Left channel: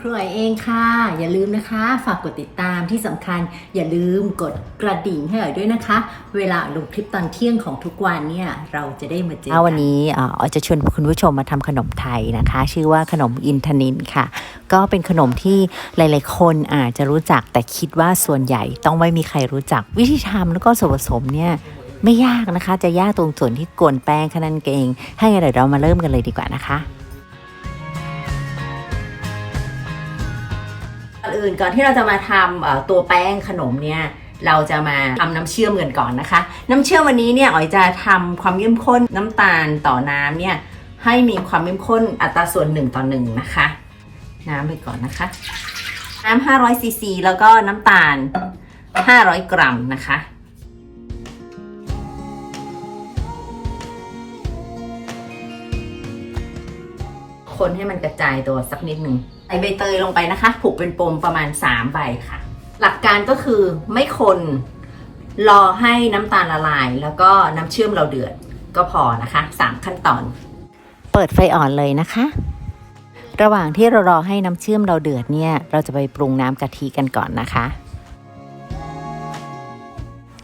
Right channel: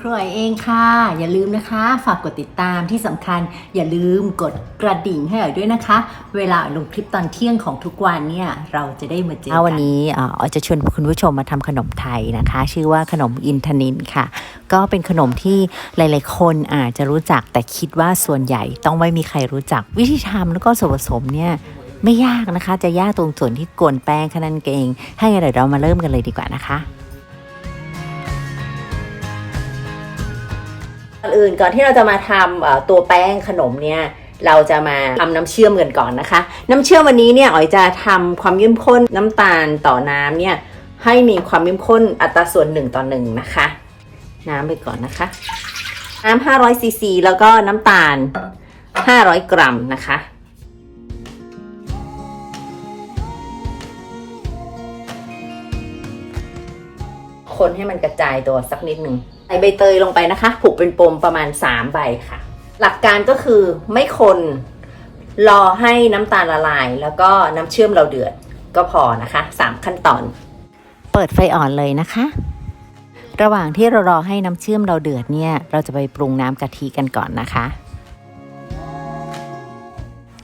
ครัวเองค่ะ อย่าลืมนะคะ ฝากกดติดตามที่สำคัญ อย่าลืมกดกระดิ่งให้หน่อยด้วยนะคะ เวลาลงคลิปตอนเที่ยงของทุกวันเนี่ยเราจะได้มาเจอกันวันนี้เอ่อจะชวนคุณผู้ชมมาทำขนมไทยนะคะ ชื่อว่าขนมอินทนินค่ะ ก็เป็นขนมที่หลาย ๆ คนอาจจะรู้จักแต่คิดว่าส่วนใหญ่ต้องไม่มีใครรู้จักวิธีทำแล้วก็ส่วนผสมเนี่ยไม่ยากนะคะ จะยากตรงส่วนที่กวนแป้งแค่นั้นเองให้เดี๋ยวเรามาเริ่มกันเลยดีกว่านะคะ อื่นก่อนที่เราจะมาทำตัวแป้งขนมเนี่ยเราจะมาทำน้ำเชื่อมกันก่อนนะคะ น้ำเชื่อมวันนี้เนี่ยอ๋อยจะทำความเข้มข้นน้ำตาลต่อน้ำเนี่ยให้มีความเข้มข้นอัตราส่วน1ต่อ1นะคะ น้ำไปก่อนนะคะ น้ำ500ซีซีแล้วก็น้ำตาล 500 กรัมนะคะ คนให้มันกระจายตัวสักนิดหนึ่งใส่ใบเตยลงไปนะคะผูกเป็นปมประมาณ3ใบค่ะ หลักการก็คือไม่คนรอให้น้ำตาลละลาย แล้วก็น้ำเชื่อมเราเดือดก็พอนะคะ3ขั้นตอน เปิดไฟอ่อนเลยนะคะ ระหว่างที่เรารอให้น้ำเชื่อมเราเดือดเนี่ย เราจะไปปรุงน้ำกะทิกันก่อนนะคะ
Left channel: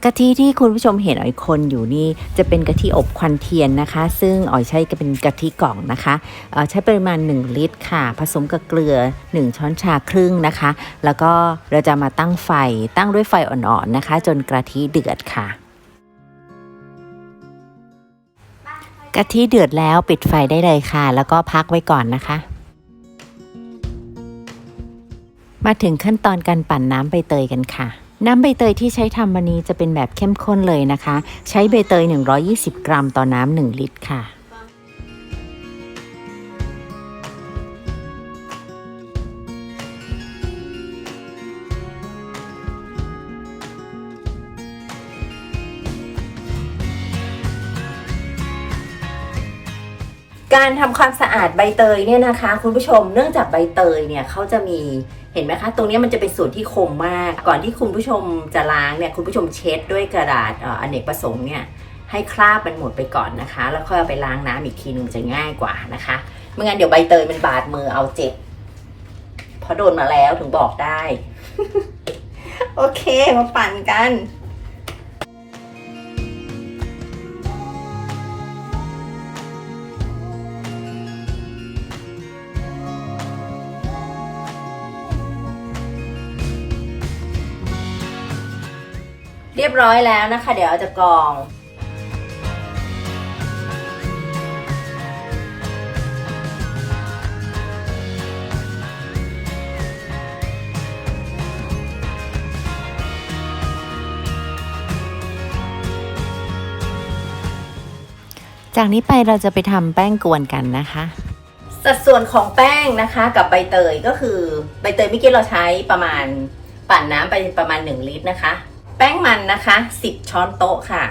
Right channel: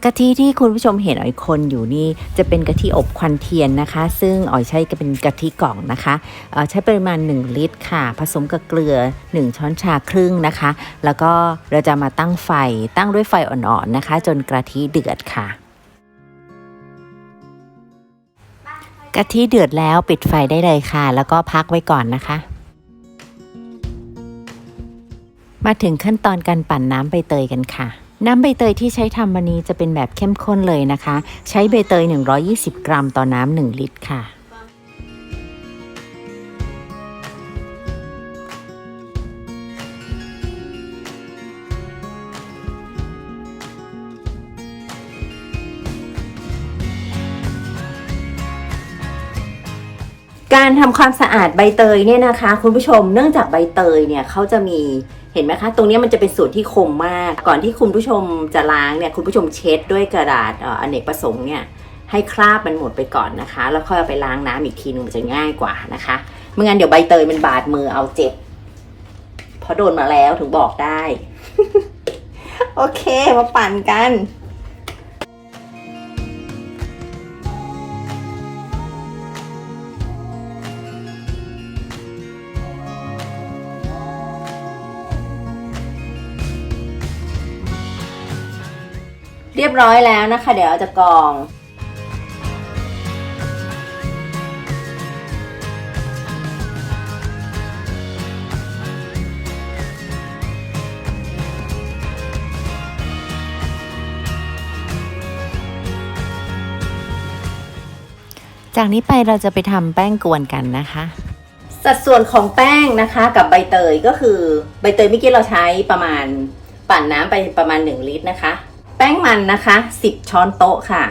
กะทิที่คุณผู้ชมเห็นอ๋อยคนอยู่นี่จะเป็นกะทิอบควันเทียนนะคะ ซึ่งอ๋อยใช้ก็เป็นกะทิกล่องนะคะใช้ปริมาณ 1 ลิตรค่ะ ผสมกับเกลือ 1 ช้อนชาครึ่งนะคะ แล้วก็เราจะมาตั้งไฟตั้งด้วยไฟอ่อนๆนะคะ จนกะทิเดือดค่ะกะทิเดือดแล้วปิดไฟได้เลยค่ะ แล้วก็พักไว้ก่อนนะคะ มาถึงขั้นตอนการปั่นน้ำใบเตยกันค่ะ น้ำใบเตยที่ใช้ทำวันนี้จะเป็นแบบเข้มข้นเลยนะคะ ใช้ใบเตย 120 กรัมต่อน้ำ1ลิตรค่ะการทำความสะอาดใบเตยเนี่ยนะคะ คุณผู้ชมเนื่องจากใบเตยเนี่ยเขาจะมี เห็นไหมคะ ตรงนี้มันจะเป็นส่วนที่คมมาก ก่อนที่คุณผู้ชมจะล้างเนี่ยคุณผู้ชมเช็ดด้วยกระดาษออเนกประสงค์เนี่ยให้คราบมันหมดไปก่อนนะคะ แล้วค่อยไปล้างน้ำอีกทีนึงมันจะง่ายกว่านะคะไม่งั้นเดี๋ยวใบเตยมันบาดมือเอาเจ็บเพราะโดนมาแล้วถึงบอกได้ โอเคมาปั่นกัน เรียบร้อยแล้วนะคะ เดี๋ยวเราจะกรองจากนี้ไปเราจะไปทำแป้งกวนกันนะคะ สัดส่วนของแป้งนะคะ กับใบเตยก็คือใบเตยเมื่อกี้เราใช้ประมาณปั่นน้ำไปประมาณ 1 ลิตรนะคะ แป้งมันนะคะ10ช้อนโต๊ะค่ะ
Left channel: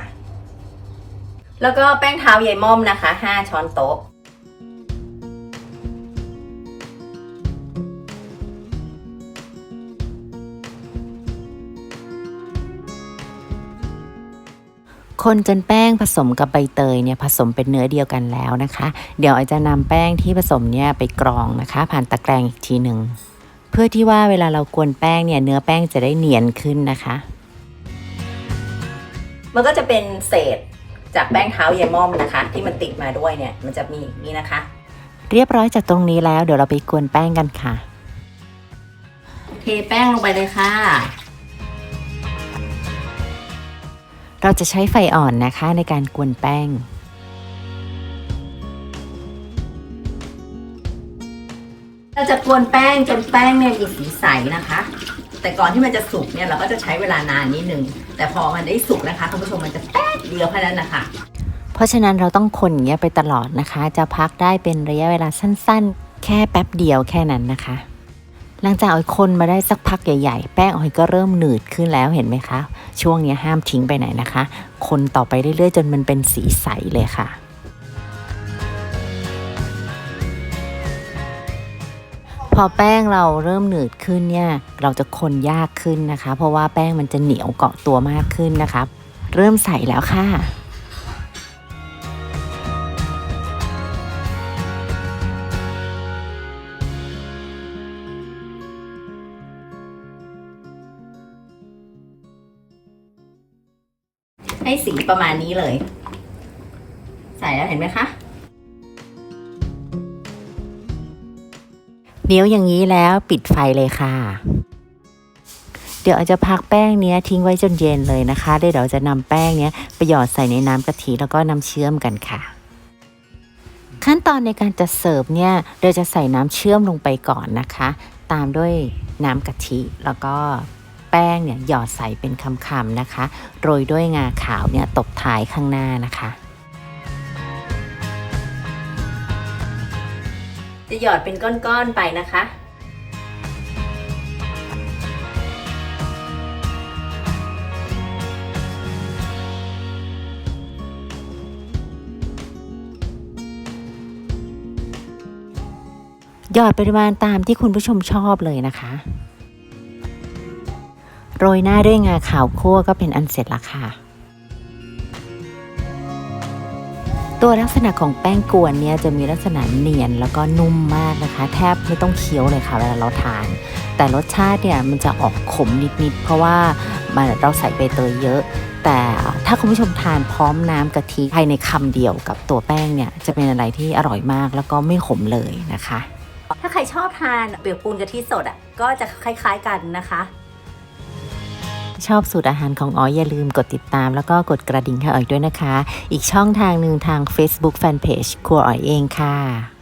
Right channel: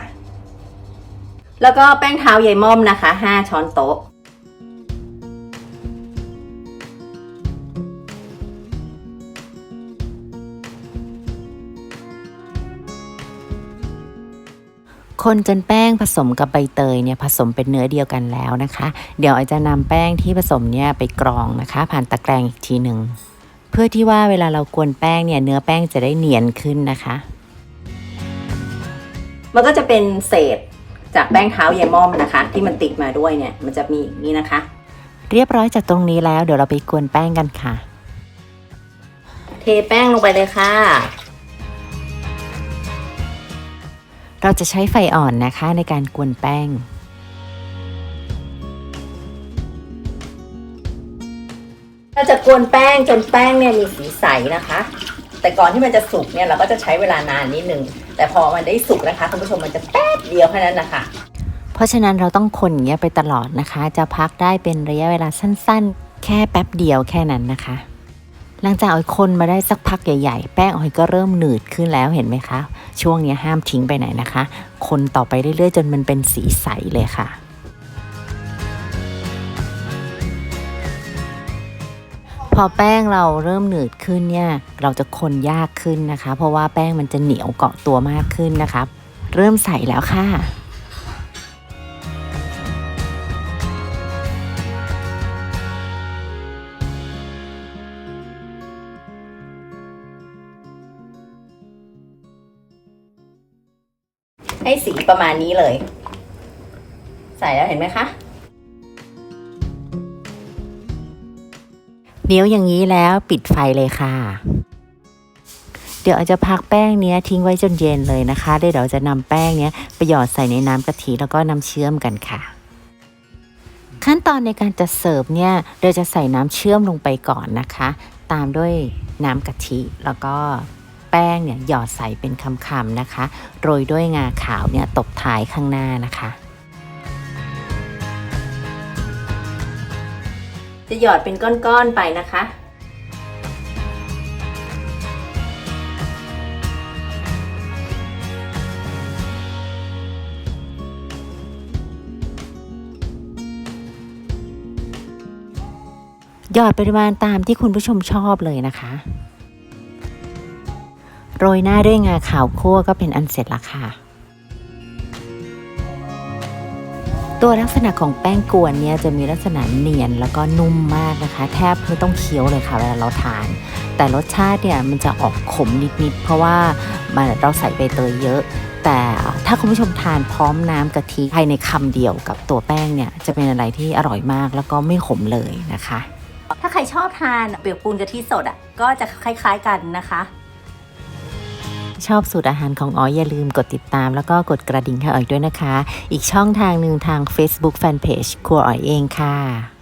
แล้วก็แป้งเท้าเยม่อมนะคะ5ช้อนโต๊ะ คนจนแป้งผสมกับใบเตยเนี่ยผสมเป็นเนื้อเดียวกันแล้วนะคะ เดี๋ยวออจะนำแป้งที่ผสมเนี่ยไปกรองนะคะ ผ่านตะแกรงอีกทีหนึ่งเพื่อที่ว่าเวลาเรากวนแป้งเนี่ยเนื้อแป้งจะได้เนียนขึ้นนะคะ มันก็จะเป็นเศษจากแป้งเท้าเยม่อมนะคะ ที่มันติดมาด้วยเนี่ยมันจะมีอย่างนี้นะคะ เรียบร้อยจากตรงนี้แล้วเดี๋ยวเราไปกวนแป้งกันค่ะ เทแป้งลงไปเลยค่ะ เราจะใช้ไฟอ่อนนะคะในการกวนแป้ง เราจะกวนแป้งจนแป้งเนี่ยมีสีใสนะคะ แต่ก่อนที่มันจะสุกเนี่ยเราก็จะใช้เวลานานนิดนึง แต่พอมันได้สุกนะคะคุณผู้ชมมันจะแป๊บเดียวแค่นั้นแหละค่ะ เพราะฉะนั้นเราต้องคนอย่างเงี้ยไปตลอดนะคะ จะพักได้เป็นระยะเวลาสั้นๆ แค่แป๊บเดียวแค่นั้นนะคะ หลังจากออยคนมาได้สักพักใหญ่ๆ แป้งออยก็เริ่มหนืดขึ้นแล้วเห็นไหมคะ ช่วงนี้ห้ามทิ้งไปไหนนะคะ คนต่อไปเรื่อยๆ จนมันเป็นสีใสเลยค่ะ พอแป้งเราเริ่มหนืดขึ้นเนี่ยเราจะคนยากขึ้นนะคะ เพราะว่าแป้งมันจะเหนียวเกาะตัวมากขึ้นนะคะ เริ่มใส่แล้วค่ะให้สีประมาณนี้เลย ใส่แล้วเห็นไหมคะ เดี๋ยวอย่างนี้แล้วปิดไฟเลยค่ะ เดี๋ยวอาจจะพักแป้งเนี้ยทิ้งไว้จนเย็นเลยนะคะเดี๋ยวเราจะนำแป้งเนี้ยไปหยอดใส่ในน้ำกะทิแล้วก็น้ำเชื่อมกันค่ะ ขั้นตอนในการจะเสิร์ฟเนี่ยเราจะใส่น้ำเชื่อมลงไปก่อนนะคะ ตามด้วยน้ำกะทิแล้วก็แป้งเนี่ยหยอดใส่เป็นคำๆนะคะ โรยด้วยงาขาวเนี่ยตบท้ายข้างหน้านะคะ จะหยอดเป็นก้อนๆไปนะคะหยอดปริมาณตามที่คุณผู้ชมชอบเลยนะคะ โรยหน้าด้วยงาขาวคั่วก็เป็นอันเสร็จละค่ะ ตัวลักษณะของแป้งกวนเนี่ยจะมีลักษณะเนียนแล้วก็นุ่มมากนะคะ แทบไม่ต้องเคี้ยวเลยค่ะเวลาเราทาน แต่รสชาติเนี่ยมันจะออกขมนิดๆเพราะว่ามันเราใส่ใบเตยเยอะ แต่ถ้าคุณผู้ชมทานพร้อมน้ำกะทิภายในคำเดียวกับตัวแป้งเนี่ยจะเป็นอะไรที่อร่อยมากแล้วก็ไม่ขมเลยนะคะ ถ้าใครชอบทานเปียกปูนกะทิสดอะก็จะคล้าย ๆกันนะคะ ชอบสูตรอาหารของอ๋อยอย่าลืมกดติดตาม แล้วก็กดกระดิ่งให้อ๋อยด้วยนะคะ อีกช่องทางหนึ่งทาง Facebook Fanpage ครัวอ๋อยเองค่ะ